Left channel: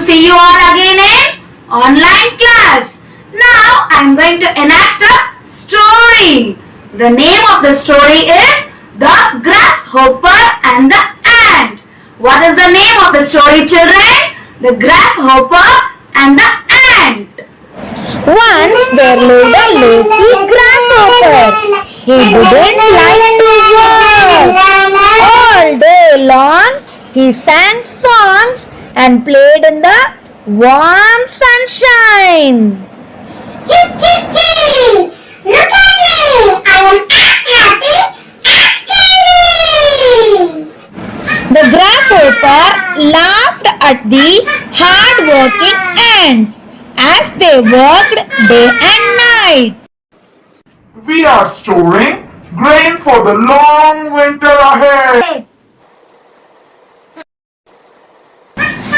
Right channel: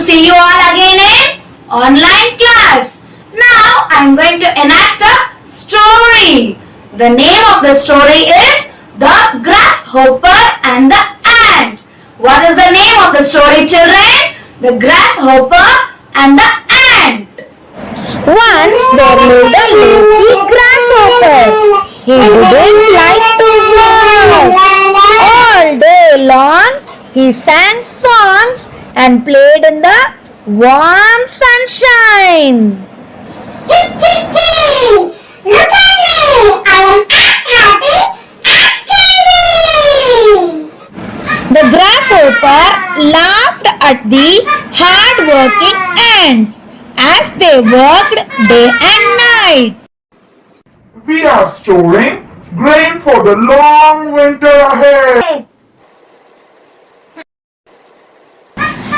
to see you all again in online class. Now I am going to enact a story. The name of the story is The Grasshopper and the Ant. What is the name of the story, children? The Grasshopper and the Ant. Once there lived a lazy grasshopper. He didn't like to work. All day long he sang songs and played in the warm sunshine. Look at me! I am as happy as can be! The grasshopper laughed at the hard-working ants as they worked day and night. We are storing grain for the long winter ahead.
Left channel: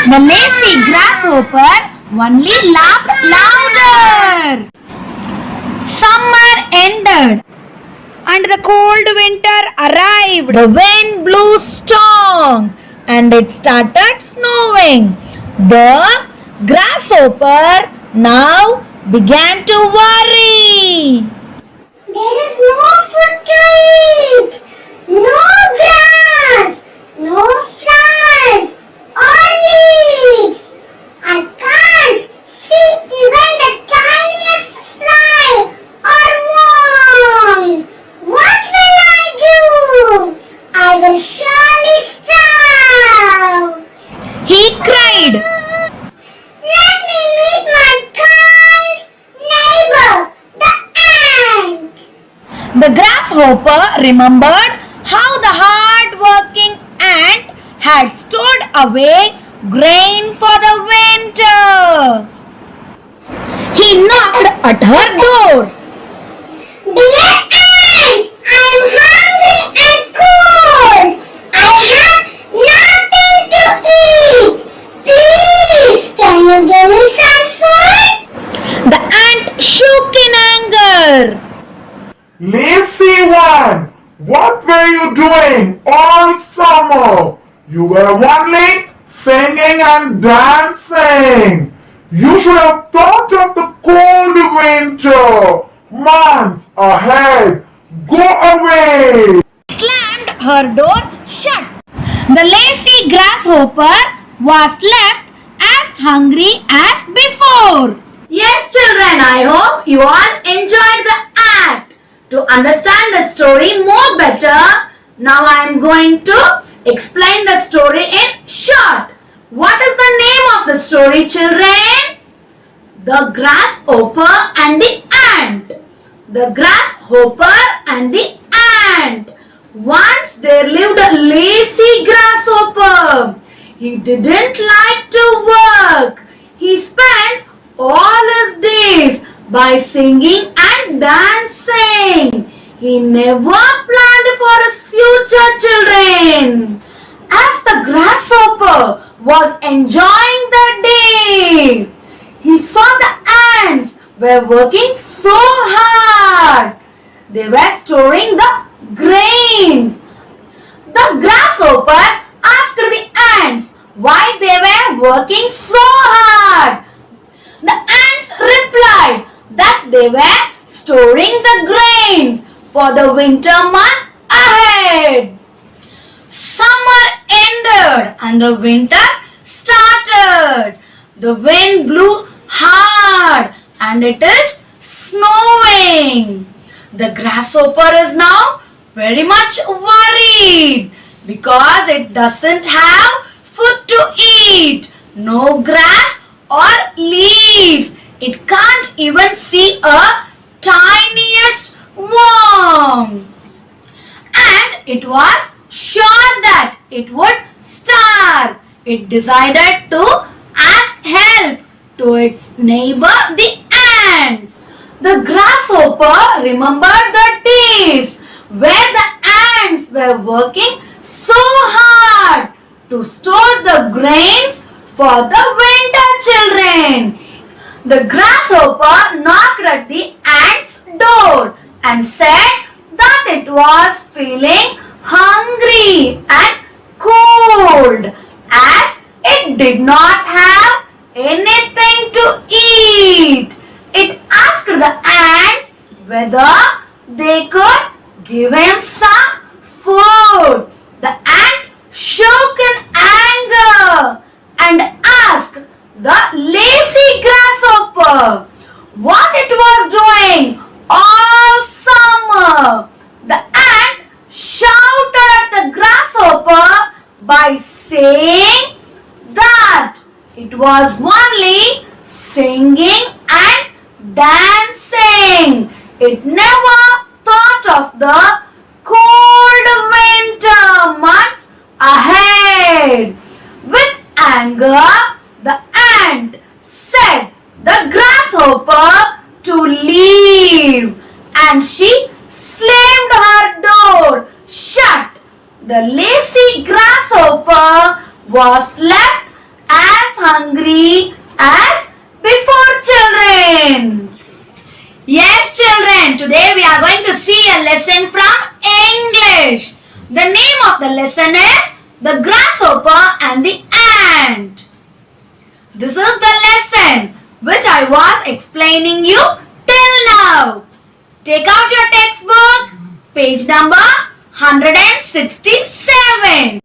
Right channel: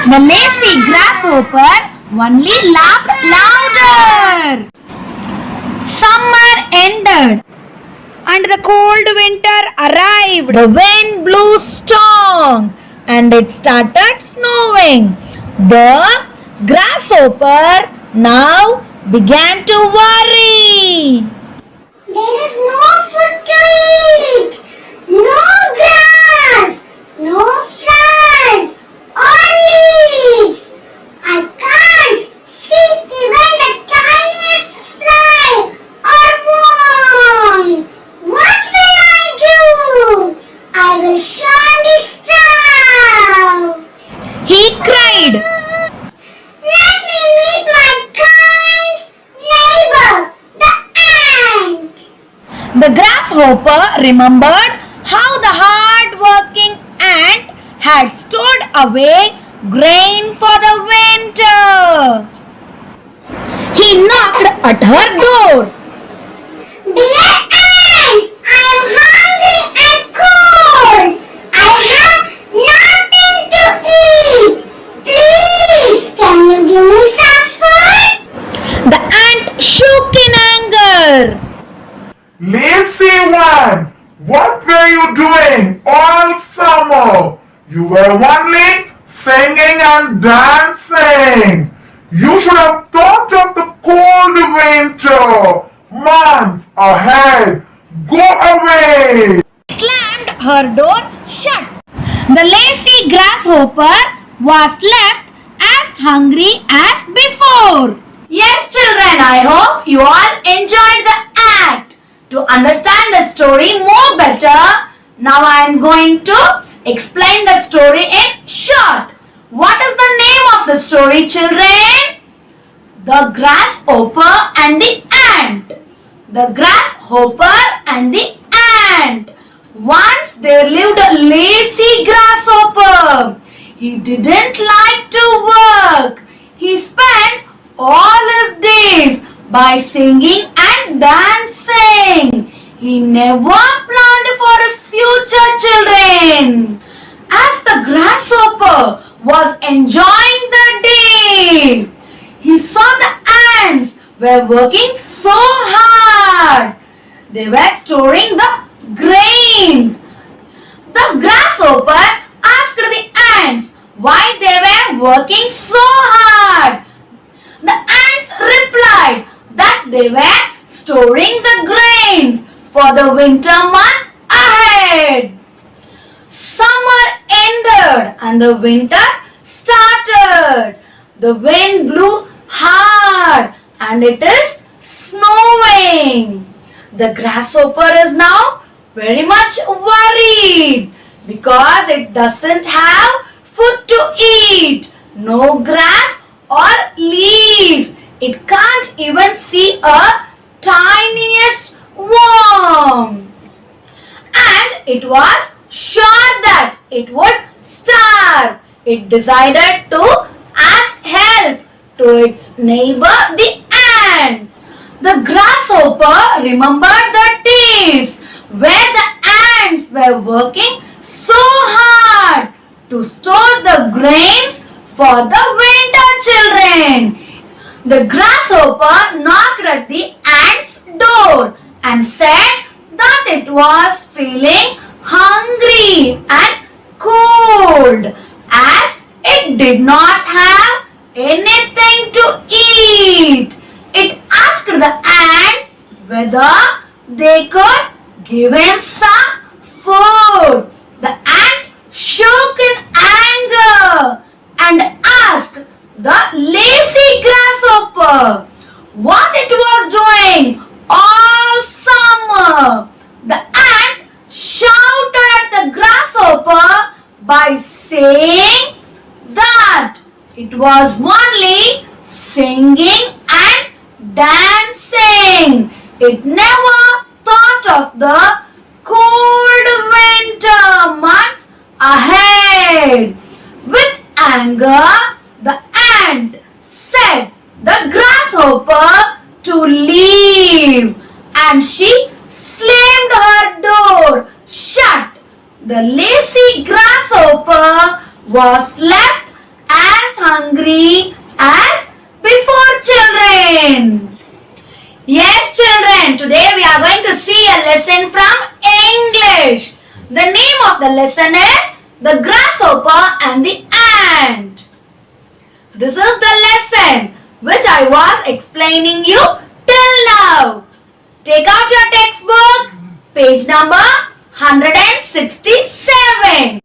The lazy grasshopper only laughed louder. Summer ended and the cold winter arrived. The wind blew strong and it started snowing. The grasshopper now began to worry. There is no food to eat! No grass! No flowers or leaves! I can't see even the tiniest fly or worm! What will I do? I will surely starve! He cried. Let me meet my kind neighbor, the ant! The grasshopper remembered how the hard-working ant had stored away grain for the winter. He knocked at her door. Dear ant, I am hungry and cold. I have nothing to eat. Please, can you give me some food? The ant shook in anger. Lazy one, what were you doing all summer? You were only singing and dancing. You should have thought of the cold winter months ahead. Go away. Slammed her door shut. The lazy grasshopper was left as hungry as before. Yes, children, I hope you all enjoyed the act. To understand the story more better, now I am going to explain the story in short. What is the name of the story, children? The Grasshopper and the Ant. The Grasshopper and the Ant. Once there lived a lazy grasshopper. He didn't like to work. He spent all his days by singing and dancing. He never planned for his future, children. As the grasshopper was enjoying the day, he saw the ants were working so hard. They were storing the grains. The grasshopper asked the ants why they were working so hard. The ants replied that they were storing the grains for the winter month ahead. Summer ended and the winter started. The wind blew hard and it is snowing. The grasshopper is now very much worried because it doesn't have food to eat, no grass or leaves. It can't even see a tiniest worm. And it was sure that it would starve. It decided to ask help to its neighbor the ants. The grasshopper remembered the days where the ants were working so hard to store the grains for the winter, children. The grasshopper knocked at the ant's door and said that it was feeling hungry and cold as it did not have anything to eat. It asked the ants whether they could give him some food. The ant shook in anger and asked the lazy grasshopper what it was doing all summer. The ant shouted at the grasshopper by saying that it was only singing and dancing. It never thought of the cold winter months ahead. With anger, the ant said the grasshopper to leave, and she slammed her door shut. The lazy grasshopper was left as hungry as before, children. Yes, children, today we are going to see a lesson from English. The name of the lesson is The Grasshopper and the Ant. This is the lesson which I was explaining you till now. Take out your textbook, page number 167.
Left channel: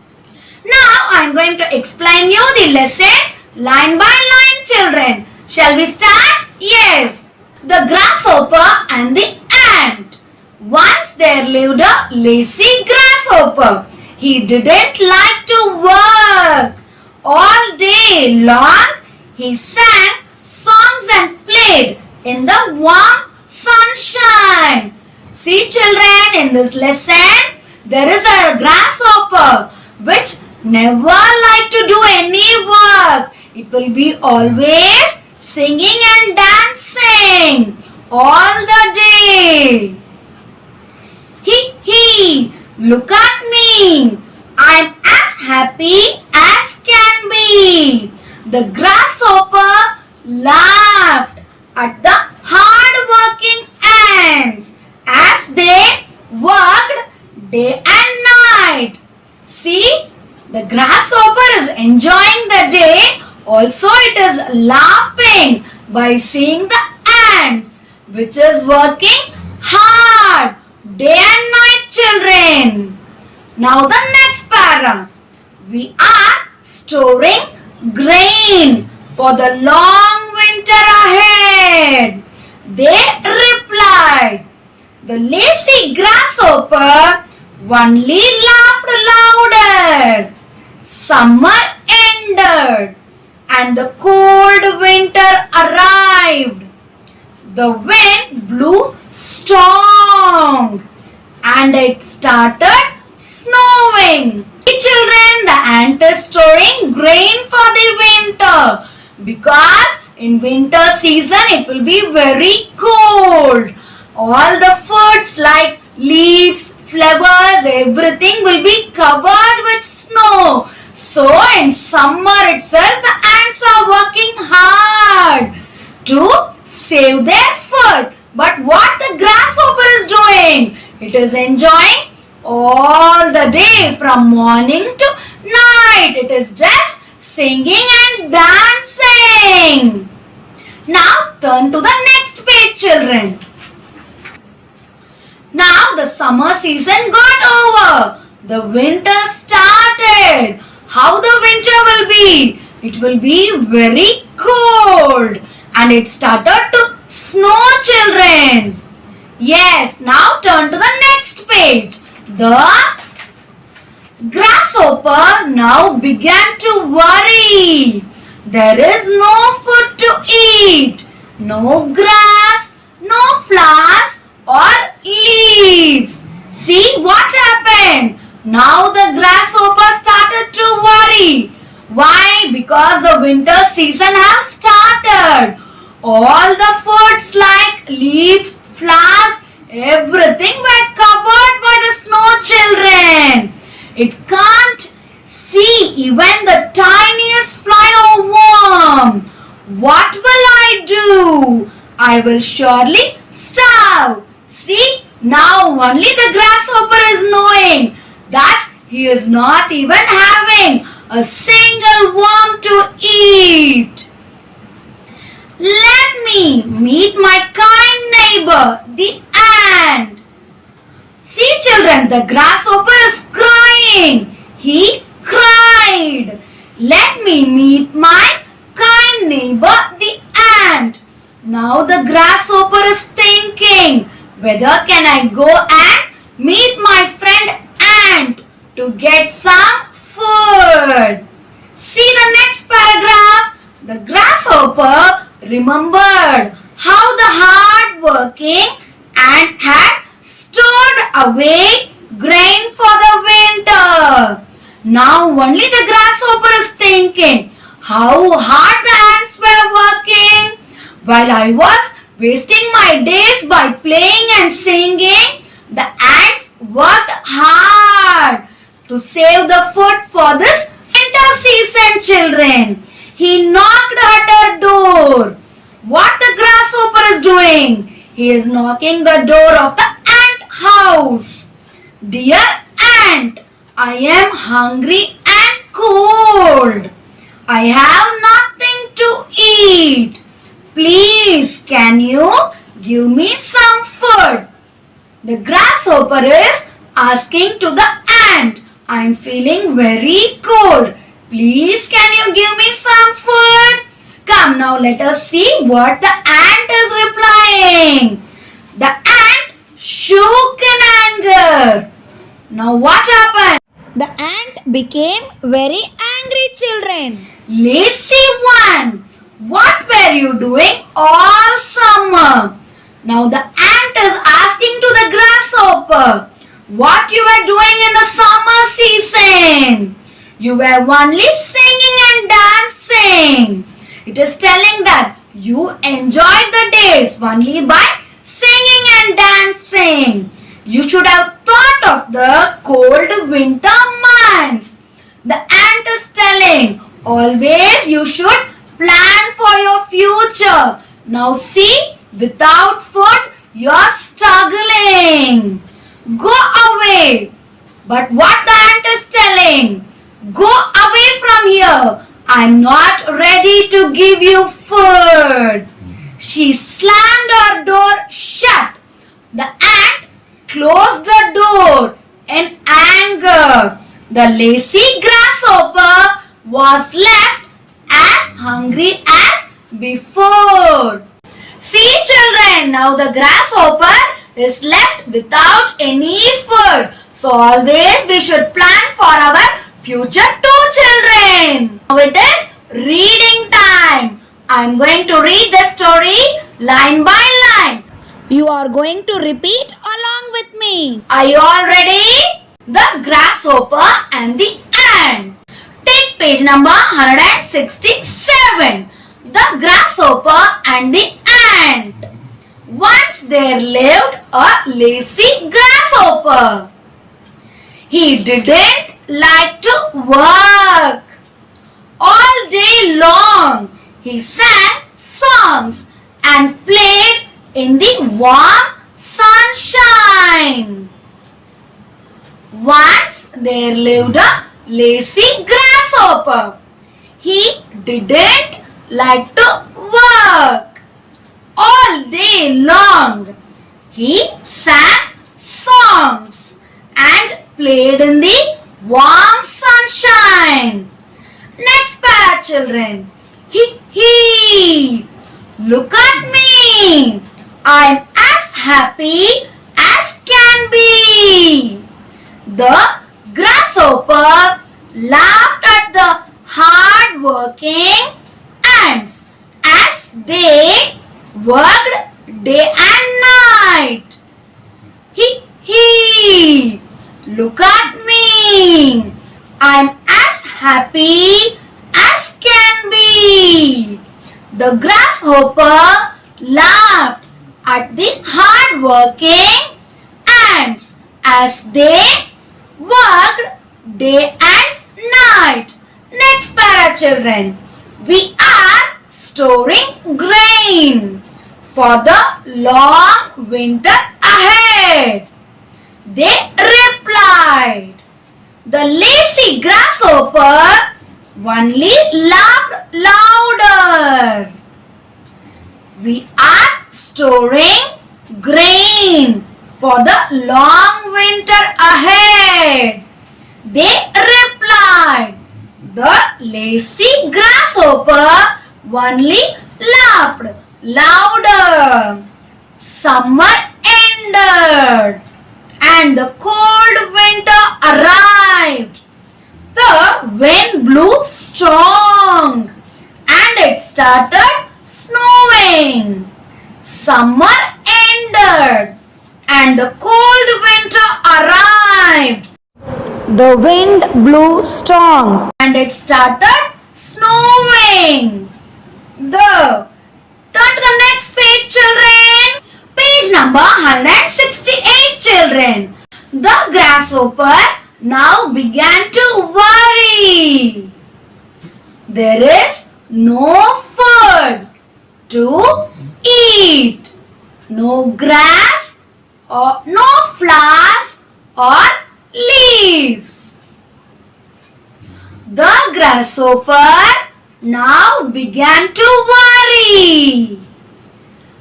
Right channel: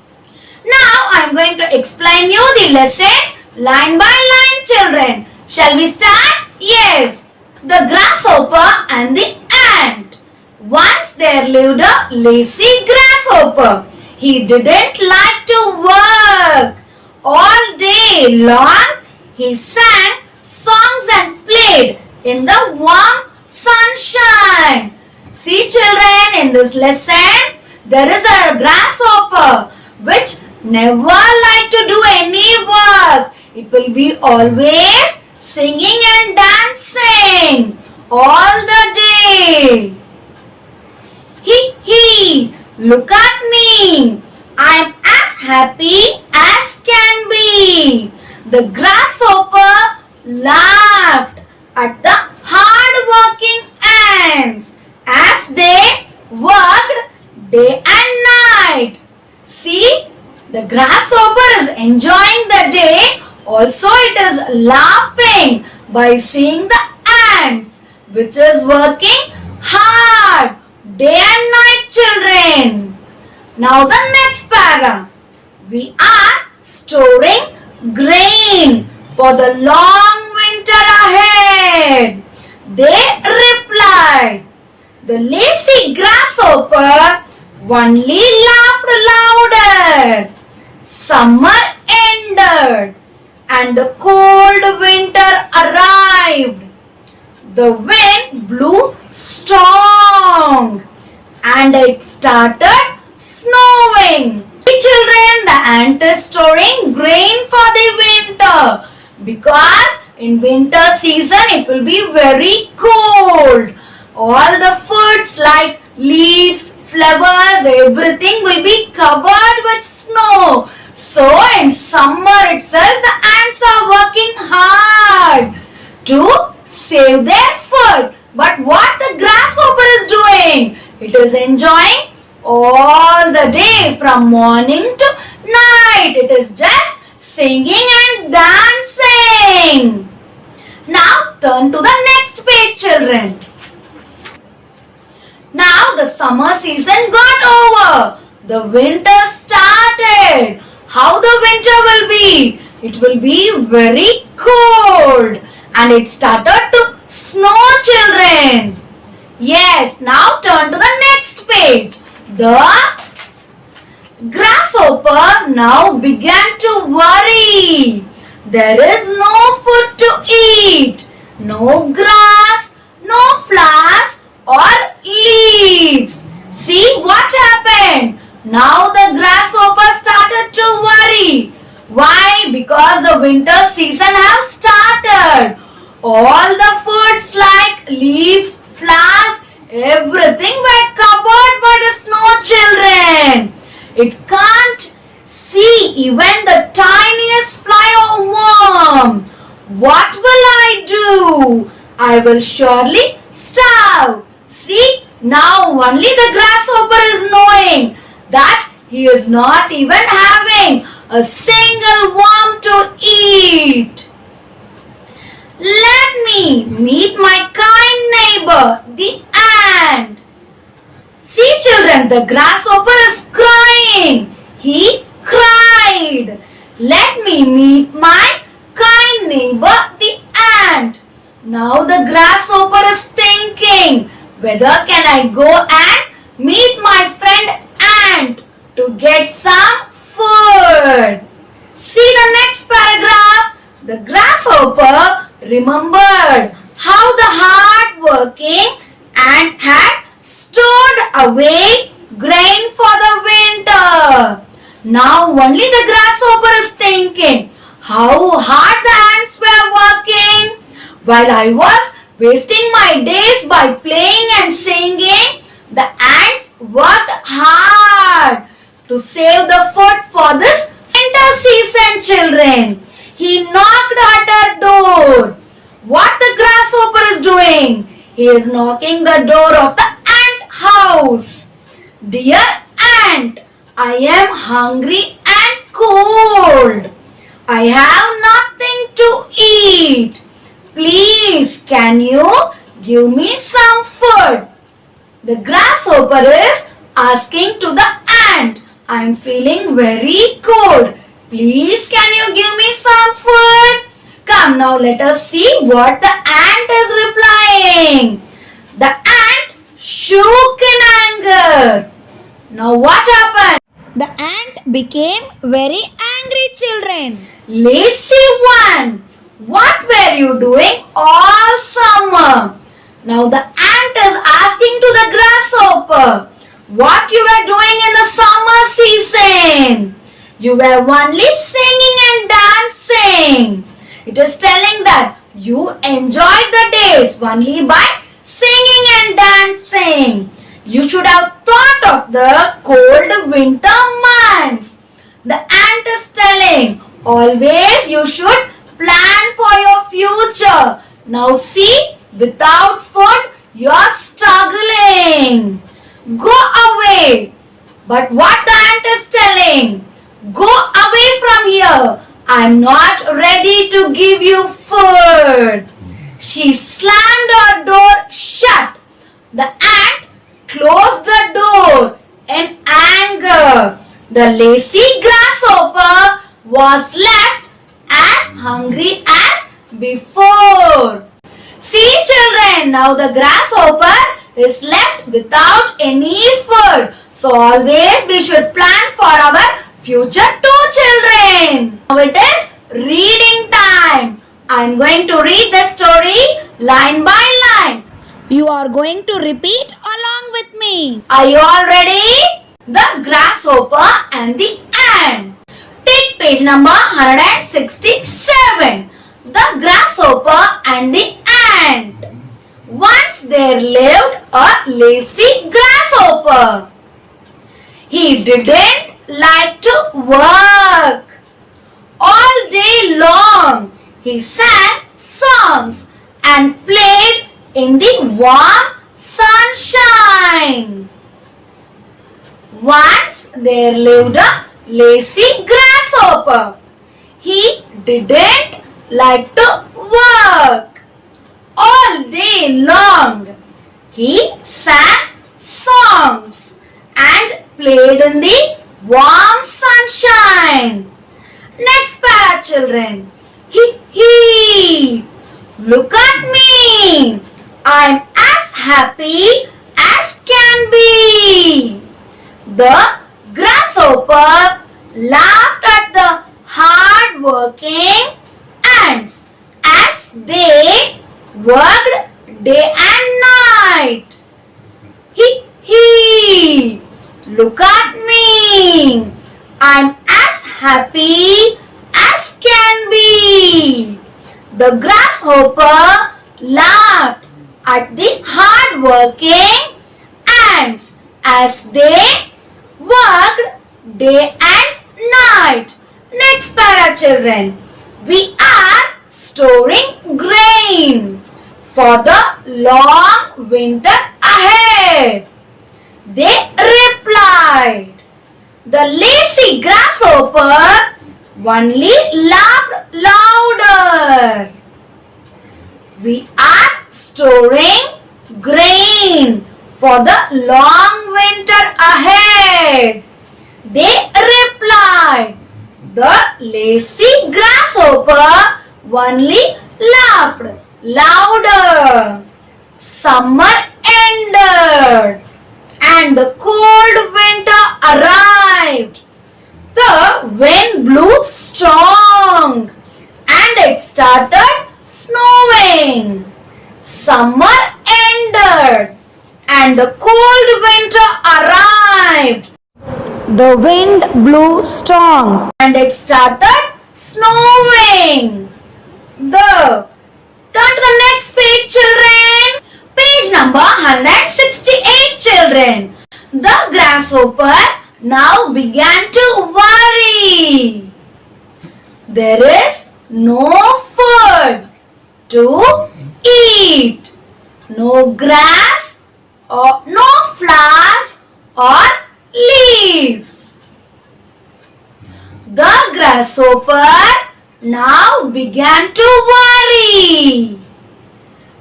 Now I am going to explain you the lesson line by line, children. Shall we start? Yes. The grasshopper and the ant. Once there lived a lazy grasshopper. He didn't like to work. All day long he sang songs and played in the warm sunshine. See, children, in this lesson there is a grasshopper which never like to do any work. It will be always singing and dancing all the day. Hee, look at me. I'm as happy as can be. The grasshopper laughed at the hard-working ants as they worked day and night. See, the grasshopper is enjoying the day. Also, it is laughing by seeing the ants, which is working hard day and night, children. Now the next para. We are storing grain for the long winter ahead. They replied. The lazy grasshopper only laughed louder. Summer ended and the cold winter arrived. The wind blew strong and it started snowing. Children, the ant is storing grain for the winter because in winter season it will be very cold. All the foods like leaves, flowers, everything will be covered with snow. So in summer itself the ants are working hard to save their food. But what the grasshopper is doing? It is enjoying all the day from morning to night. It is just singing and dancing. Now turn to the next page, children. Now the summer season got over. The winter started. How the winter will be? It will be very cold and it started to snow, children. Yes, now turn to the next page. The grasshopper now began to worry. There is no food to eat, no grass, no flowers or leaves. See what happened? Now the grasshopper started to worry. Why? Because the winter season has started. All the foods like leaves, flowers, everything were covered by the snow, children. It can't see even the tiniest fly or worm. What will I do? I will surely starve. See, now only the grasshopper is knowing that he is not even having a single worm to eat. meet my kind neighbor, the ant. See children, the grasshopper is crying. He cried. Let me meet my kind neighbor, the ant. Now the grasshopper is thinking, whether can I go and meet my friend ant to get some food. See the next paragraph. The grasshopper remembered how the hard-working ant had stored away grain for the winter. Now only the grasshopper is thinking how hard the ants were working. While I was wasting my days by playing and singing, the ants worked hard to save the food for this winter season, children. He knocked at her door. What the grasshopper is doing? He is knocking the door of the ant house. Dear ant, I am hungry and cold. I have nothing to eat. Please, can you give me some food? The grasshopper is asking to the ant, I am feeling very cold. Please, can you give me some food? Come now, let us see what the ant is replying. The ant shook in anger. Now what happened? The ant became very angry, children. Lazy one, what were you doing all summer? Now the ant is asking to the grasshopper, what you were doing in the summer season? You were only singing and dancing. It is telling that you enjoyed the days only by singing and dancing. You should have thought of the cold winter months. The ant is telling, always you should plan for your future. Now see, without food, you are struggling. Go away. But what the ant is telling? Go away from here. I am not ready to give you food. She slammed her door shut. The ant closed the door in anger. The lazy grasshopper was left as hungry as before. See children, now the grasshopper is left without any food. So always we should plan for our future too, children. Now it is reading time. I am going to read the story line by line. You are going to repeat along with me. Are you all ready? The grasshopper and the ant. Take page number 167. The grasshopper and the ant. Once there lived a lazy grasshopper. He didn't like to work. All day long he sang songs and played in the warm sunshine. Once there lived a lazy grasshopper. He didn't like to work. All day long he sang songs and played in the warm sunshine. Next para, children. Look at me. I'm as happy as can be. The grasshopper laughed at the hard-working ants as they worked day and night. Look at me. I'm as happy as can be. The grasshopper laughed at the hard-working ants as they worked day and night. Next para, children. We are storing grain for the long winter ahead. They replied. The lazy grasshopper only laughed louder. We are storing grain for the long winter ahead. They replied. The lazy grasshopper only laughed louder. Summer ended and the cold winter arrived. The wind blew strong and it started snowing. Summer ended and the cold winter arrived. The wind blew strong And it started snowing. Turn to the next page, children. Page number 168, children. The grasshopper now began to worry. There is no food to eat. No grass or no flowers or leaves. The grasshopper now began to worry.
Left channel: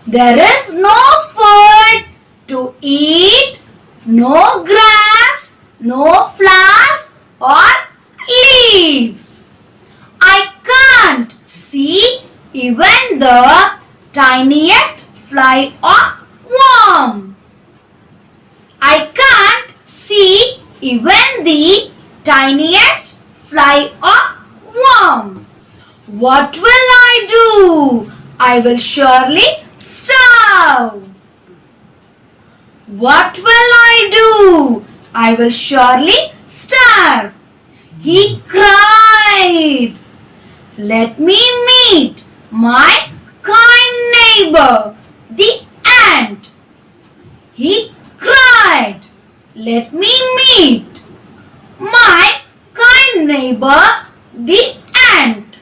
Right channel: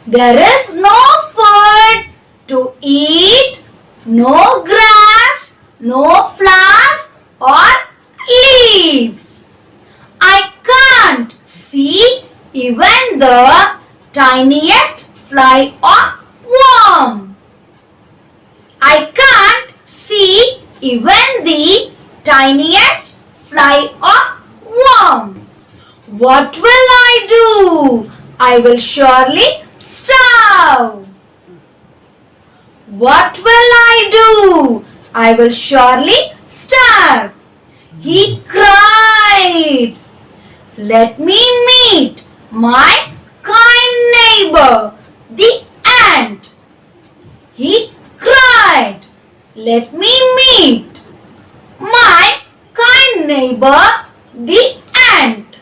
There is no food to eat, no grass, no flowers or leaves. I can't see even the tiniest fly or worm. I can't see even the tiniest fly or worm. What will I do? I will surely starve. What will I do? I will surely starve. He cried. Let me meet my kind neighbor, the ant. He cried. Let me meet my kind neighbor, the ant.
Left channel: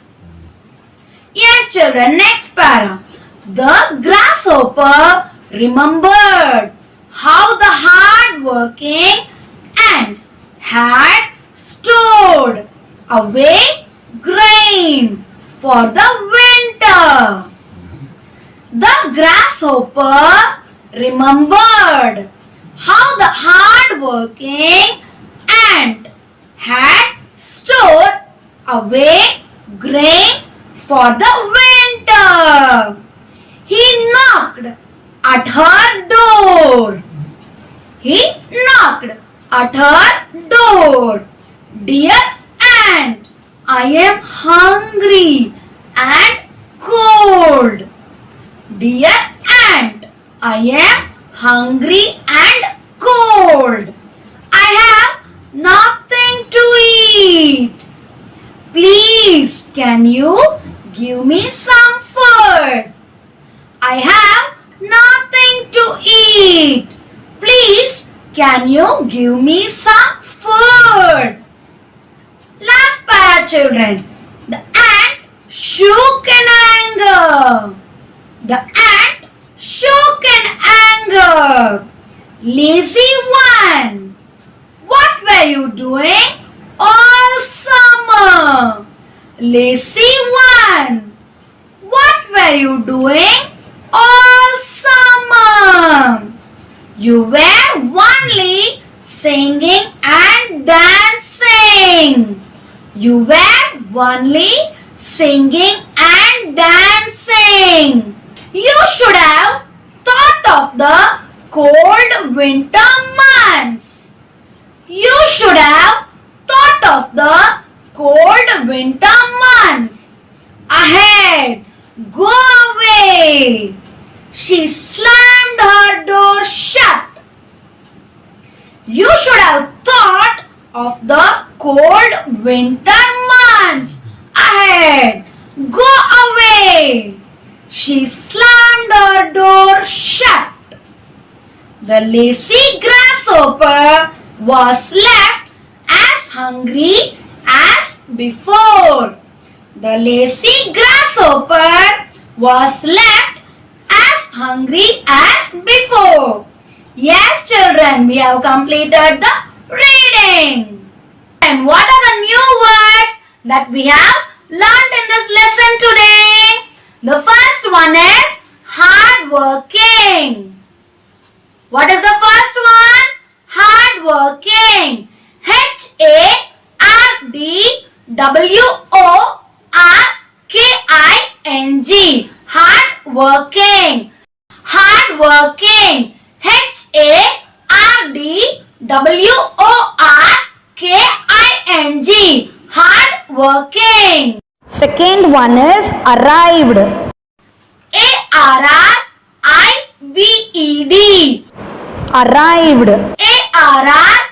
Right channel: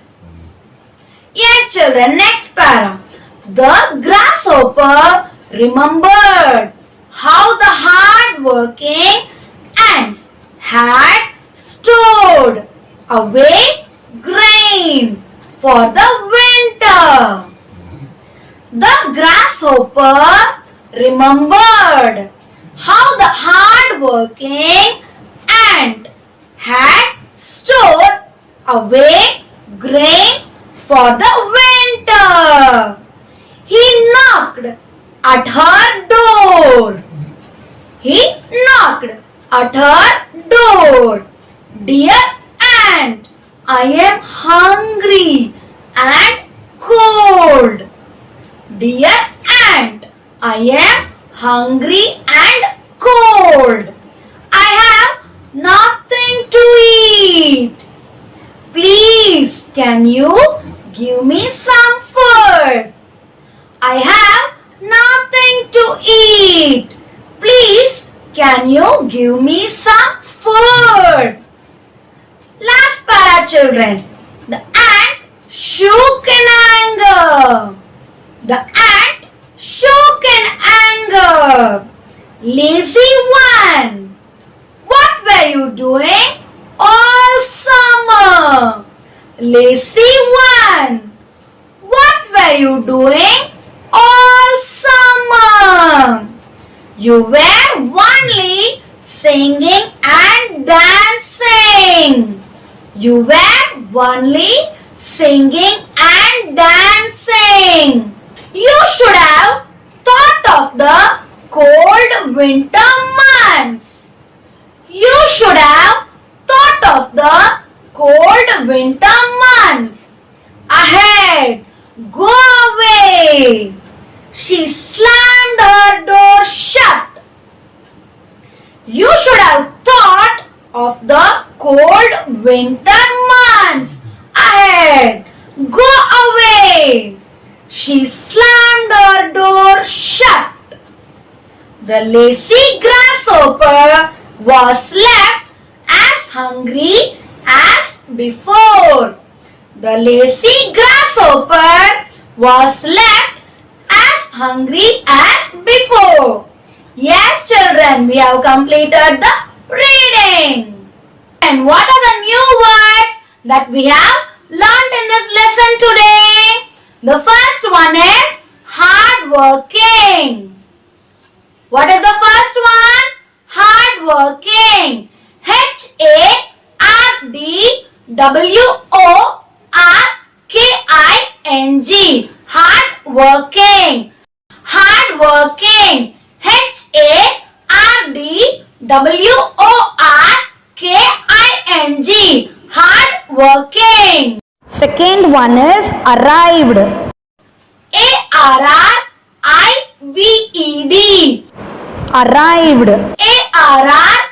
Yes, children, next para. The grasshopper remembered how the hard-working ants had stored away grain for the winter. The grasshopper remembered how the hard-working ant had stored away grain for the winter. He knocked at her door. He knocked at her door. Dear ant, I am hungry and cold. Dear ant, I am hungry and cold. I have nothing to eat. Please, can you give me some food? I have nothing to eat. Please, can you give me some food? Last para, children. The ant shook in anger. The ant shook in anger. Lazy one, what were you doing all summer? Lazy one, what were you doing all summer? You were only singing and dancing. You were only singing and dancing. You should have thought of the cold winter months. You should have thought of the cold winter months. Ahead, go away. She slammed her door shut. You should have thought of the cold winter months. Ahead, go away. She slammed her door shut. The lazy grasshopper was left as hungry as before. The lazy grasshopper was left as hungry as before. Yes, children, we have completed the reading. And what are the new words that we have learned in this lesson today? The first one is hard working. working. What is the first one? Hard working. HARDWORKING. Hard working. Hard working. HARDWORKING. Hard working. Second one is arrived. ARRIVED. Arrived.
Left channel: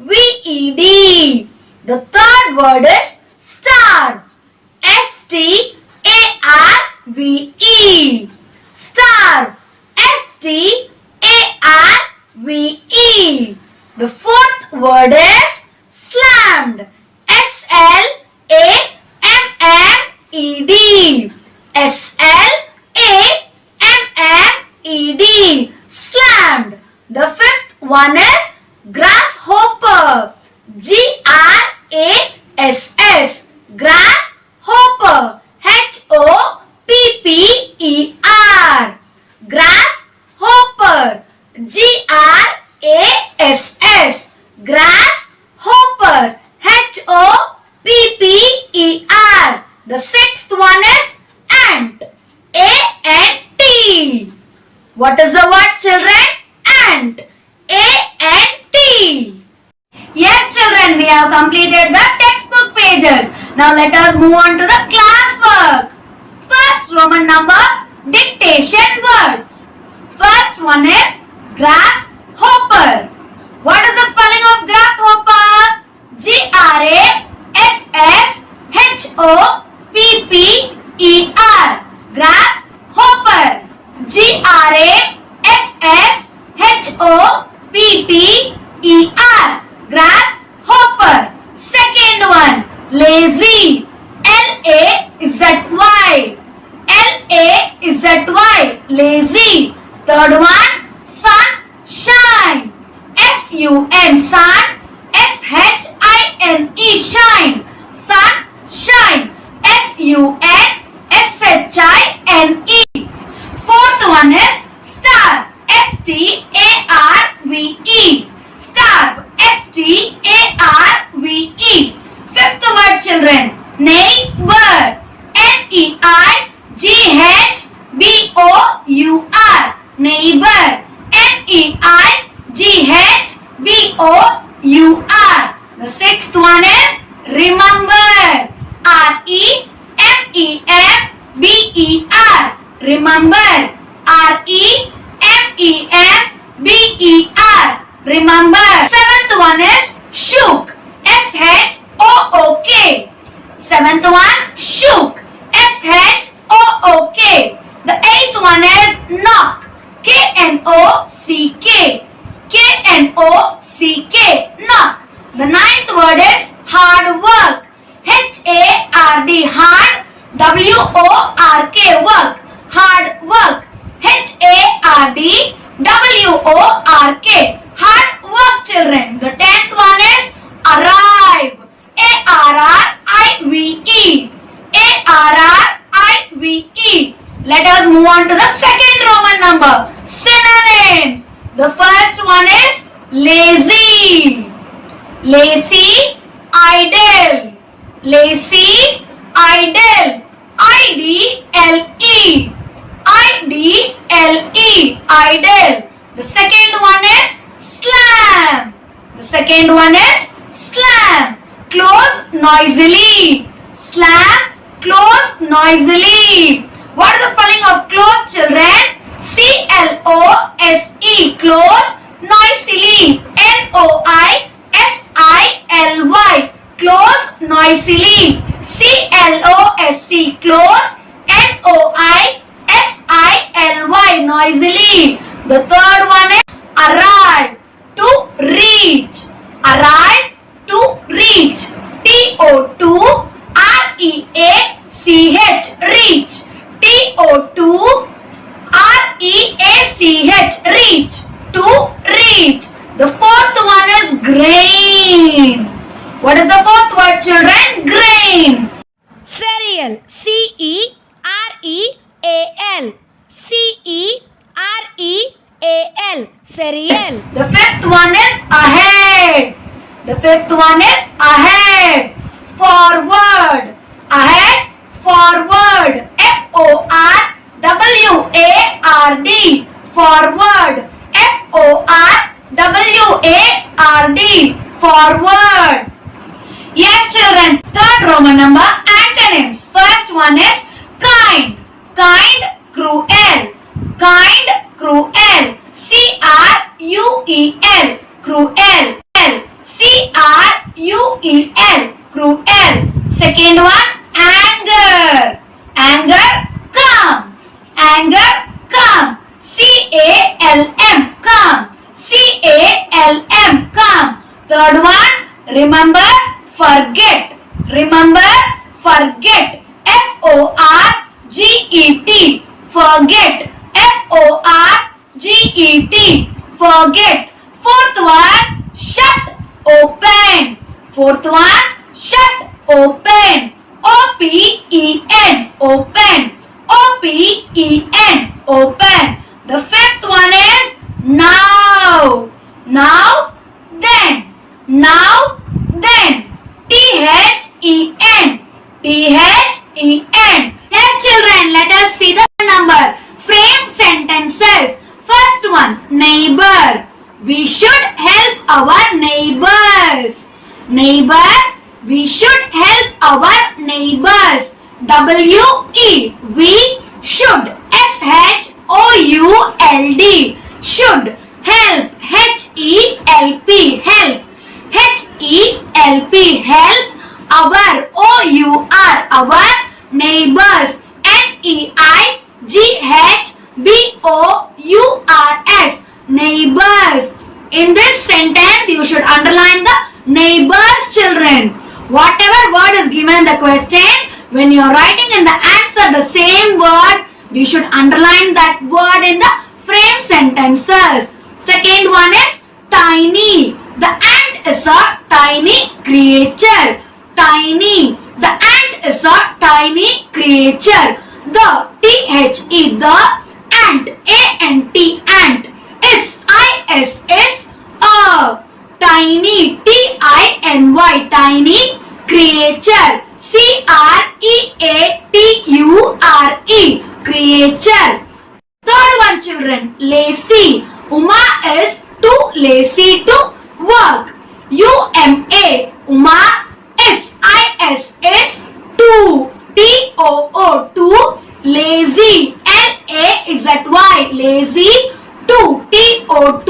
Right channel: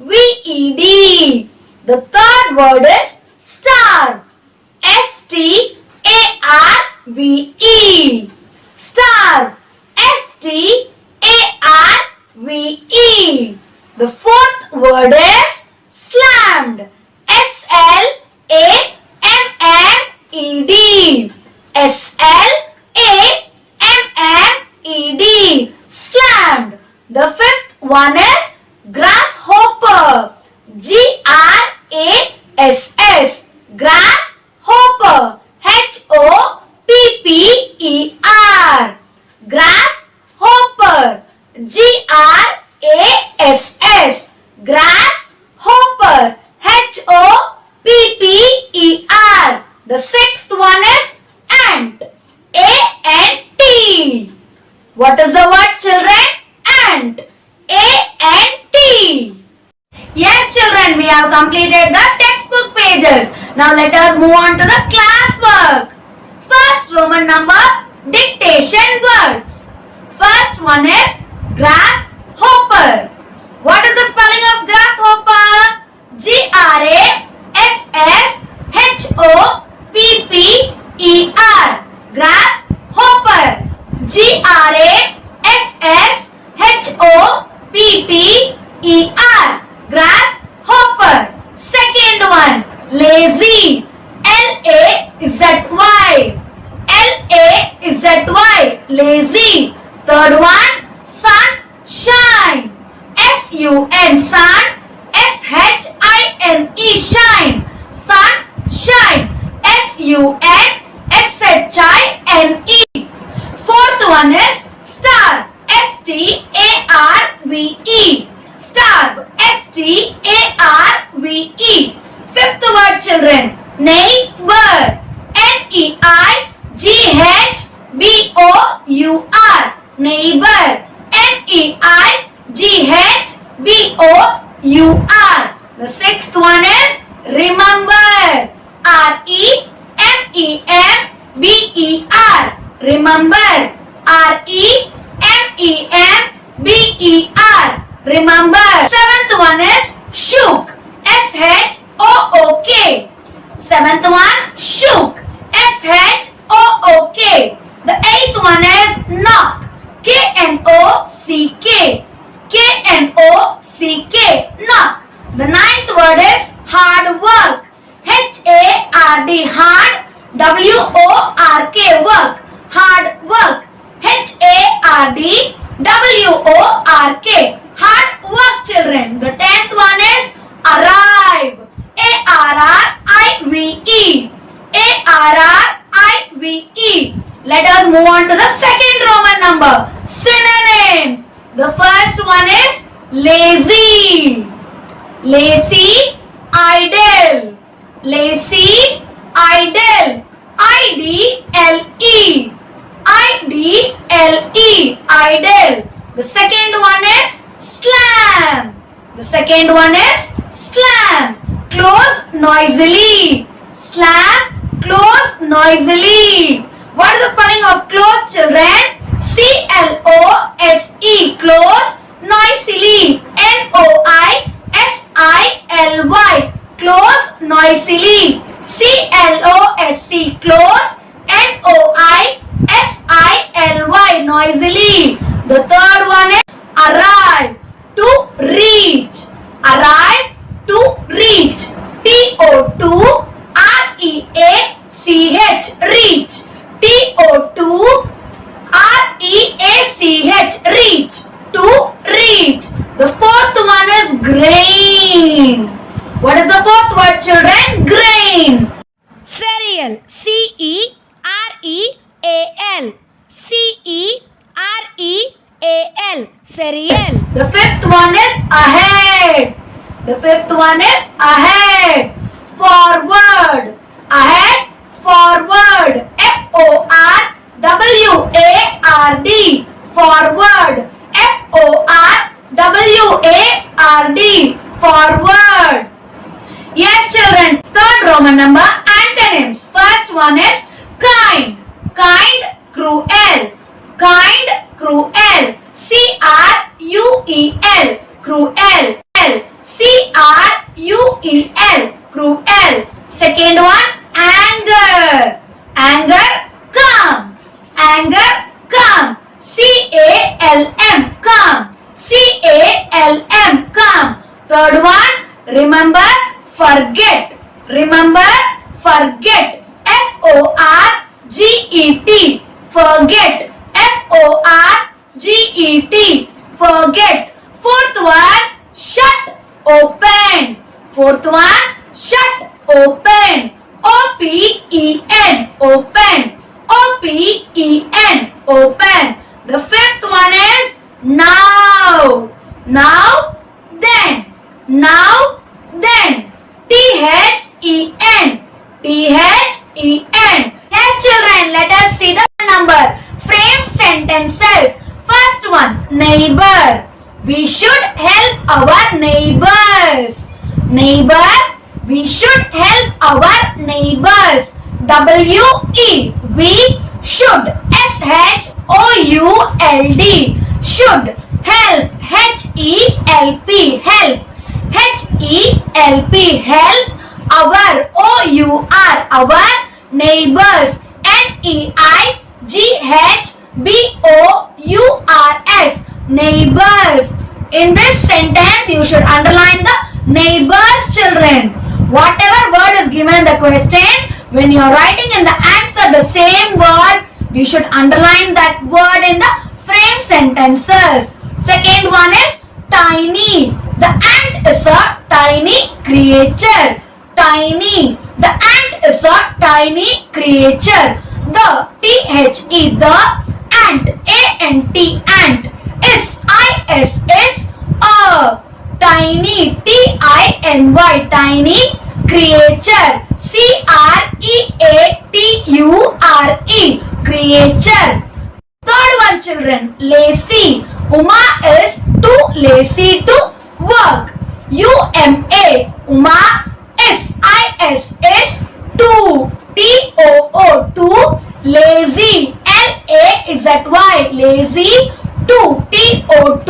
ARRIVED. The third word is star. STARVE. Star. STARVE. The fourth word is slammed. SLAMMED. SLAMMED. Slammed. The fifth one is grasshopper. GRASS. Grasshopper. HOPPER. Grasshopper. GRASS. Grasshopper. HOPPER. The sixth one is ant. ANT. What is the word, children? Ant. ANT. Yes, children, we have completed the textbook pages. Now let us move on to the classwork. First Roman number dictation words. First one is grasshopper. What is the spelling of grasshopper? GRASSHOPPER. Grasshopper. GRASSHOPPER. Grasshopper. Second one, lazy. LAZY. LAZY. Lazy. Third one, sunshine. SUN. Sun. SHINE. Shine. Sunshine. SUNSHINE. Fourth one is star. STARVE. Star. STARVE. Fifth word, children, neighbor. NEIGHBOUR. Neighbor. NEIGHBOUR. The sixth one is remember. REMEMBER. Remember. REMEMBER. Remember. Seventh one is shook. SHOOK. Seventh one, shook. SHOOK. The eighth one is knock. KNOCK. KNOCK. Knock. The ninth word is hard work. HARD. Hard. WORK. Work. Hard work. HARD. WORK. Hard work, children. The 10th one is arrive. ARRIVE. ARRIVE. Let us move on to the second Roman number. Synonyms. The first one is lazy. Lazy, idle. Lazy, idle. IDLE. IDLE. Idle. The second one is slam. The second one is slam. Close noisily. Slam, close noisily. What is the spelling of close, children? CLOSE. Close, noisily. NOISILY. Close, noisily. CLOSE. Close, NOISILY. Noisily. The third one is arrive. To reach. Arrive, to reach. TO2 REACH. Reach. TO2 REACH. Reach. To reach. The fourth one is grain. What is the fourth word, children? Grain. Cereal. CEREAL. CEREAL. The fifth one is ahead. Forward. Ahead. Forward. F-O-R-W-A-R-D. Forward. F-O-R-W-A-R-D. Forward. Yes, children. Third Roman number antonyms. First one is kind. Kind, cruel. Kind, cruel. C-R-U-E-L. Cruel. C-R-U-E-L. Cruel. Second one, anger. Anger, calm. Anger, calm. C-A-L-M. Calm. C-A-L-M. Calm. Third one, remember, forget. Remember, forget. F-O-R-G-E-T. Forget. F-O-R-G-E-T. Forget. Fourth one, shut, open. Fourth one, shut, open. O-P-E-N. Open. O-P-E-N. Open. The fifth one is now. Now, then. Now, then. T-H-E-N. T-H-E-N. Yes, children, let us see the number. Frame sentences. First one, neighbor. We should help our neighbors. Neighbor, we should help our neighbors. W-E. We should. S-H-O-U-L-D. Should. Help. H-E-L-P. Help. H-E-L-P. Help our. O-U-R. Our neighbors. N-E-I-G-H-B-O-U-R-S. Neighbors. In this sentence, you should underline the neighbors, children. Whatever word is given in the question, when you are writing in the answer the same word, you should underline that word in the frame sentences. Second one is tiny. The ant is a tiny creature. Tiny. The ant is a tiny creature. The T-H-E, the ant, A-N-T, ant, is, I-S, is a tiny, T-I-N-Y, tiny creature, C-R-E-A-T-U-R-E, creature. Third one, children, lazy. Uma is too lazy to work. U-M-A, Uma is, I-S, is too, T-O-O, too, lazy, L-A-Z-Y, lazy, to, T-O,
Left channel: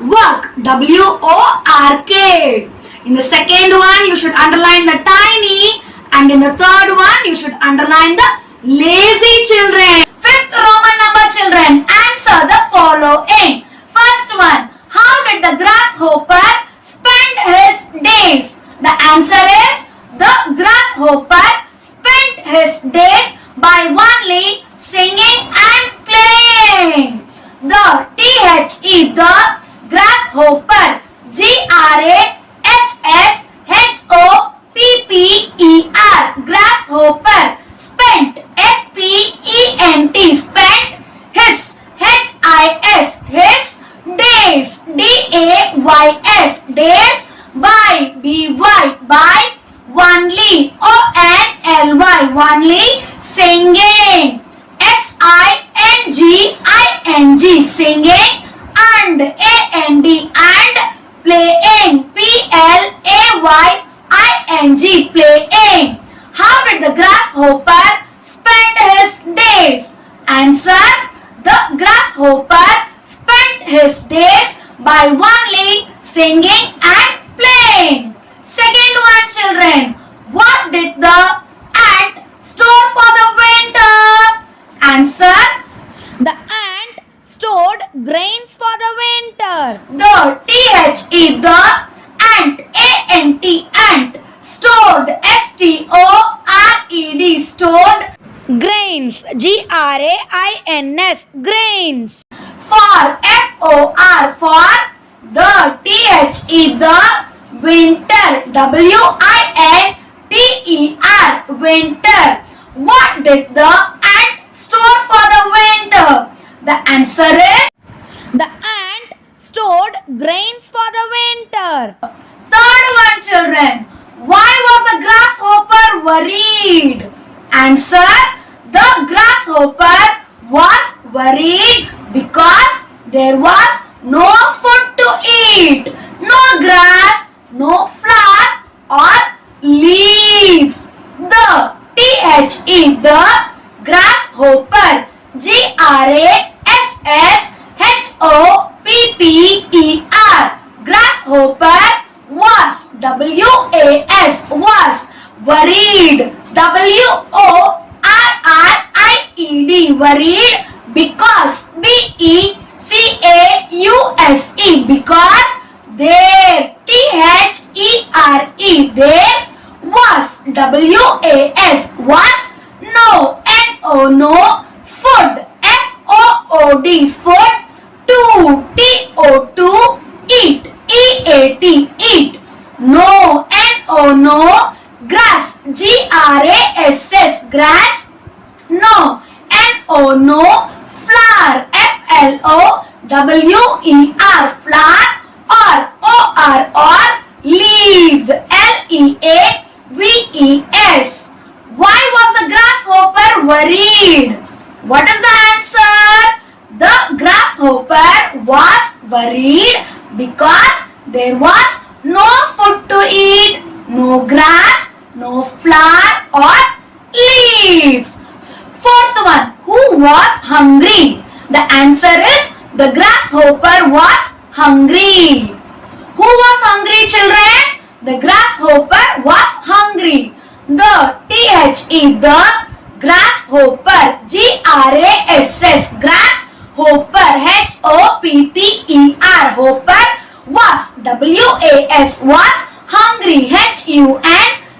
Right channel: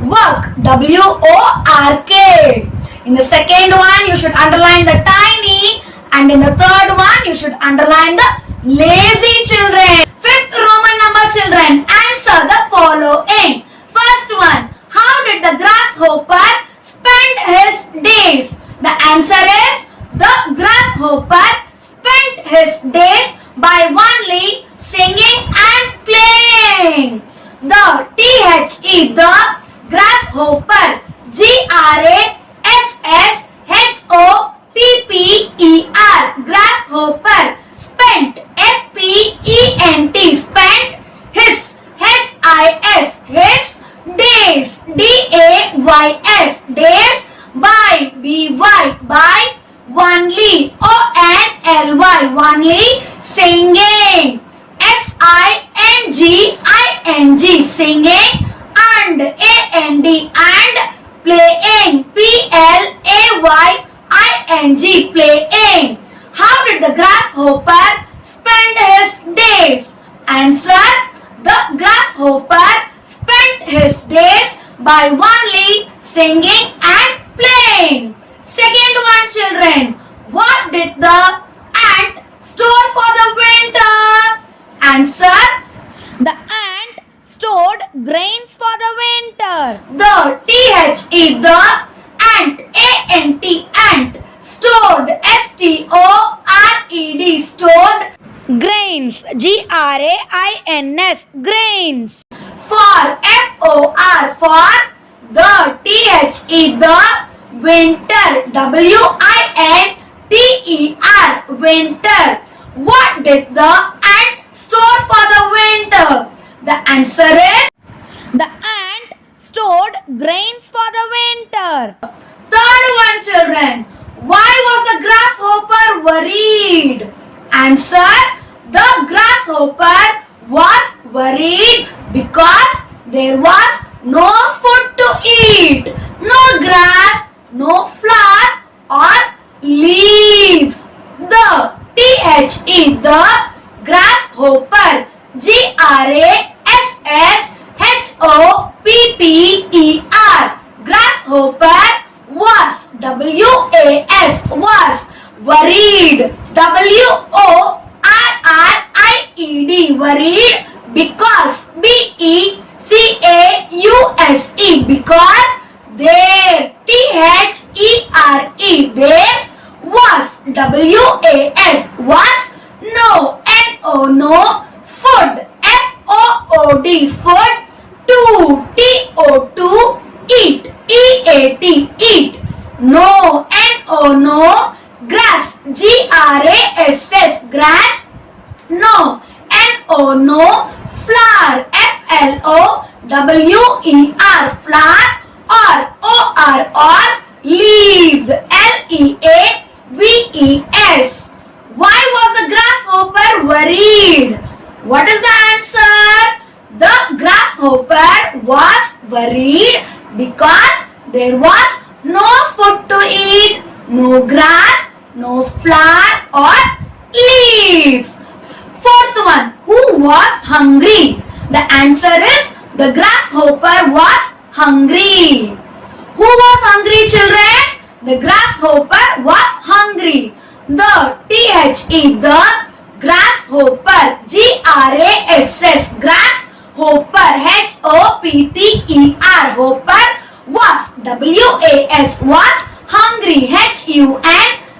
work, W-O-R-K. In the second one, you should underline the tiny, and in the third one, you should underline the lazy, children. Fifth Roman number, children, answer the following. First one, how did the grasshopper spend his days? The answer is, the grasshopper spent his days by only singing and playing. The T-H-E, the grasshopper, G-R-A-S-S-H-O-P-P-E-R, grasshopper, spent, S-P-E-N-T, spent, his, H-I-S, his, days, D-A-Y-S, days, by, B-Y, by, only, O-N-L-Y, only, singing, S-I-N-G-I-N-G, singing, and, A-N-D, and, playing, P-L-A-Y-I-N-G, playing. How did the grasshopper spend his days? Answer, the grasshopper spent his days by only singing and playing. Second one, children, what did the ant store for the winter? Answer, The ant stored grains for the winter. the T-H-E, the ant, A-N-T, ant, stored, S-T-O-R-E-D, stored, Grains, G-R-A-I-N-S, grains. for, F-O-R, for, the T-H-E, the winter, W-I-N-T-E-R, winter. What did the ant store for the winter? The answer is, The ant stored grains for the winter. Third one, children. Why was the grasshopper worried? Answer. The grasshopper was worried because there was no food to eat. No grass, no flower or leaves. The T-H-E, the grasshopper, Grasshopper, grasshopper was, W-A-S, was worried, W-O-R-R-I-E-D, worried because, B-E-C-A-U-S-E, because there, T-H-E-R-E, there was, W-A-S, was no, N-O, no, food, F-O-O-D, food, to, T-O-2, eat, E-A-T, eat, no, N-O, no, grass, G-R-A-S-S, grass, no, N-O, no, flower, F-L-O-W-E-R, flower, or, O-R, or, leaves, L-E-A-V-E-S. Why was the grasshopper worried? What is the answer? The grasshopper was worried because there was no food to eat, no grass, no flower or leaves. Fourth one, who was hungry? The answer is the grasshopper was hungry. Who was hungry, children? The grasshopper was hungry. The T-H-E, the grasshopper, G-R-A-S-S, grasshopper, H-O-P-P-E-R, hopper, was, W-A-S, was hungry, H-U-N-G-R-Y,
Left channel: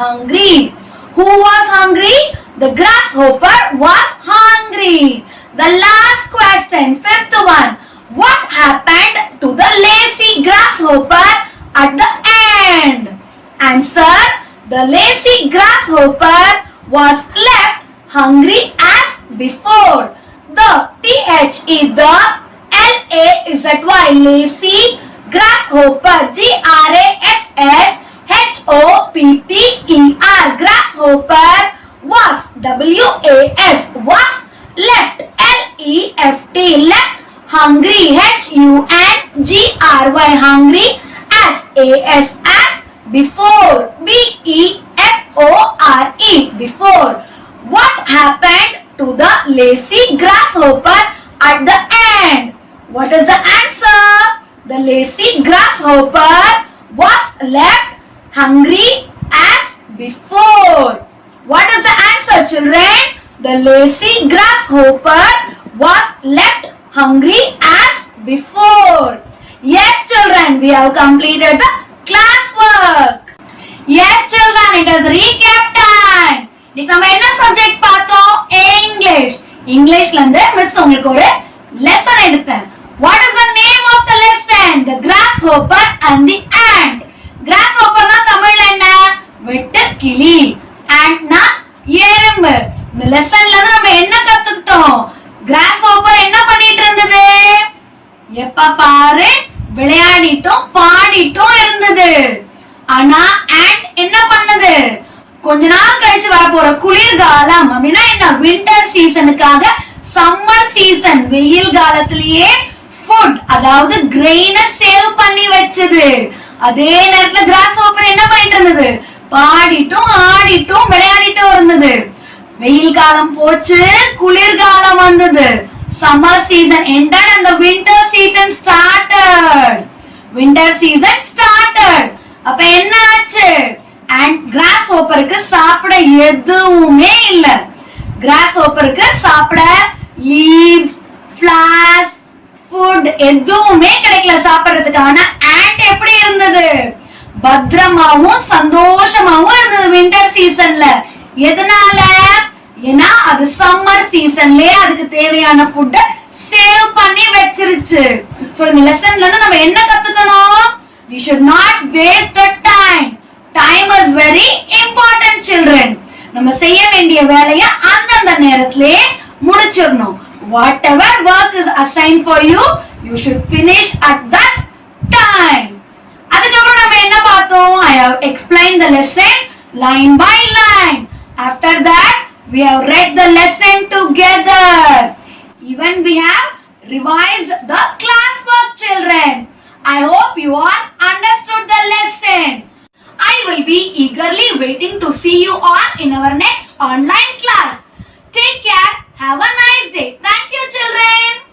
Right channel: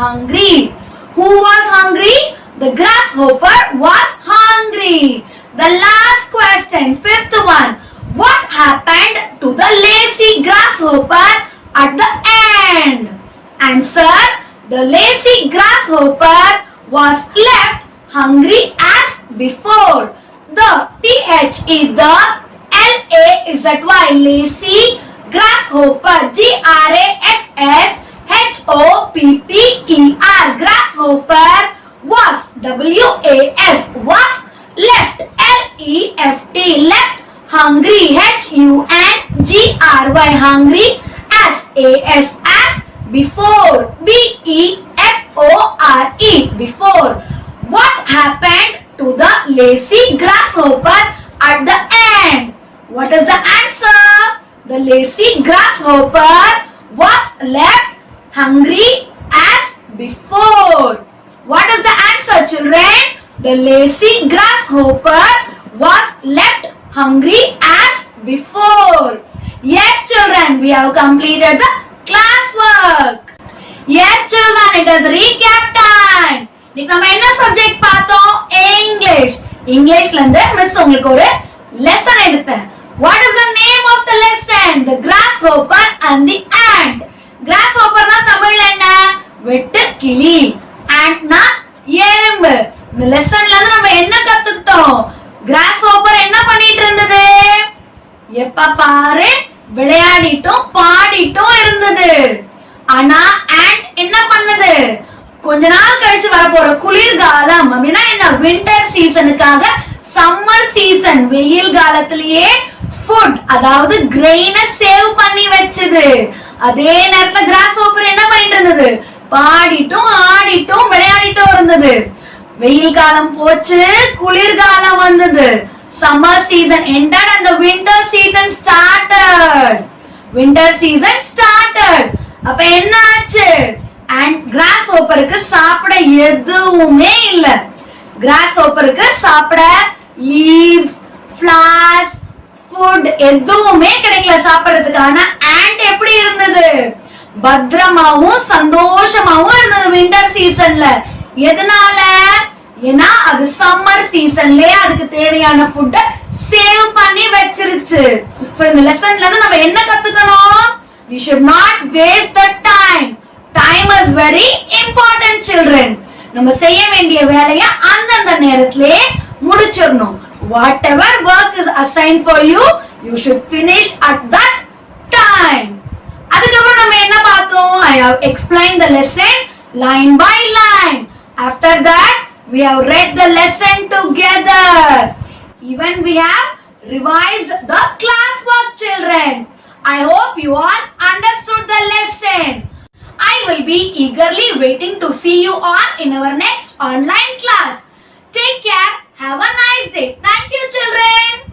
hungry. Who was hungry? The grasshopper was hungry. The last question, fifth one. What happened to the lazy grasshopper at the end? Answer. The lazy grasshopper was left hungry as before. The T-H-E, the L-A-Z-Y, lazy grasshopper, G-R-A-S-S-H-O-P-P-E-R, grasshopper was, W-A-S, was left, L-E-F-T, left hungry, H-U-N-G-R-Y, hungry, as, A-S, as, before, B-E-F-O-R-E, before. What happened to the lazy grasshopper at the end? What is the answer? The lazy grasshopper was left hungry as before. What is the answer, children? The lazy grasshopper was left hungry as before. Yes, children, we have completed the classwork. Yes, children, it is recap time. இன்னைக்கு நம்ம என்ன subject பார்த்தோம்? English. இங்கிலீஷ்ல இருந்து miss உங்களுக்கு ஒரு lesson எடுத்தேன். What is the name of the lesson? The grasshopper and the ant. Grasshopper னா தமிழ்ல என்ன? வெட்டு கிளி. Ant னா எறும்பு. இந்த லெசன்ல இருந்து நம்ம என்ன கத்துக்கிட்டோம்? Grasshopper என்ன பண்ணிட்டு இருந்தது? எப்ப பாரு விளையாடிட்டும் பாடிட்டும் இருந்தது. ஆனா ant என்ன பண்ணது? கொஞ்ச நாள் கழிச்சு வரப்போற குளிர்காலம் அப்படின்னா என்ன, வின்டர் சீசனுக்காக சம்மர் சீசன் வெயில் காலத்திலேயே ஃபுட் அதாவது கிரெயினை சேவ் பண்ணி வச்சது. அதே நேரத்துல கிராஸ்ஹாப்பர் என்ன பண்ணிட்டு இருந்தது? பாடிட்டும் ஆடிட்டும் விளையாடிட்டும் இருந்தது. வெயில் காலம் போச்சு, குளிர்காலம் வந்தது. Summer season ended and the winter season started. Winter season started. அப்ப என்ன ஆச்சு? And grasshopperக்கு சாப்பிட எதுவுமே இல்ல. grasshopperக்கு சாப்பிட leaves, flowers, food எதுவுமே கிடைக்கல சாப்பிடுறதுக்கு. ஆனா ant எப்படி இருந்தது? பத்திரமாவும் சந்தோஷமாவும் இருந்தது வின்டர் சீசன்ல. எதனால? ஏன்னா அது சம்மர் சீசன்லயே அதுக்கு தேவையான ஃபுட்ட சேவ் பண்ணி வச்சிருச்சு. சோ இந்த லெசன்ல இருந்து நம்ம என்ன கத்துக்கணும்? We should not waste the time. Time is very important, children. நம்ம செய்ய வேண்டிய வேலையை அந்தந்த நேரத்திலே முடிச்சிடணும். Whatever work is assigned for you, you should finish at that time. அதுக்கப்புறம் நம்ம என்ன பார்த்தோம்? I have explained the lesson line by line. After that, we have read the lesson together. Even we have revised the classwork, children. I hope you all understood the lesson. I will be eagerly waiting to see you all in our next online class. Take care. Have a nice day. Thank you, children.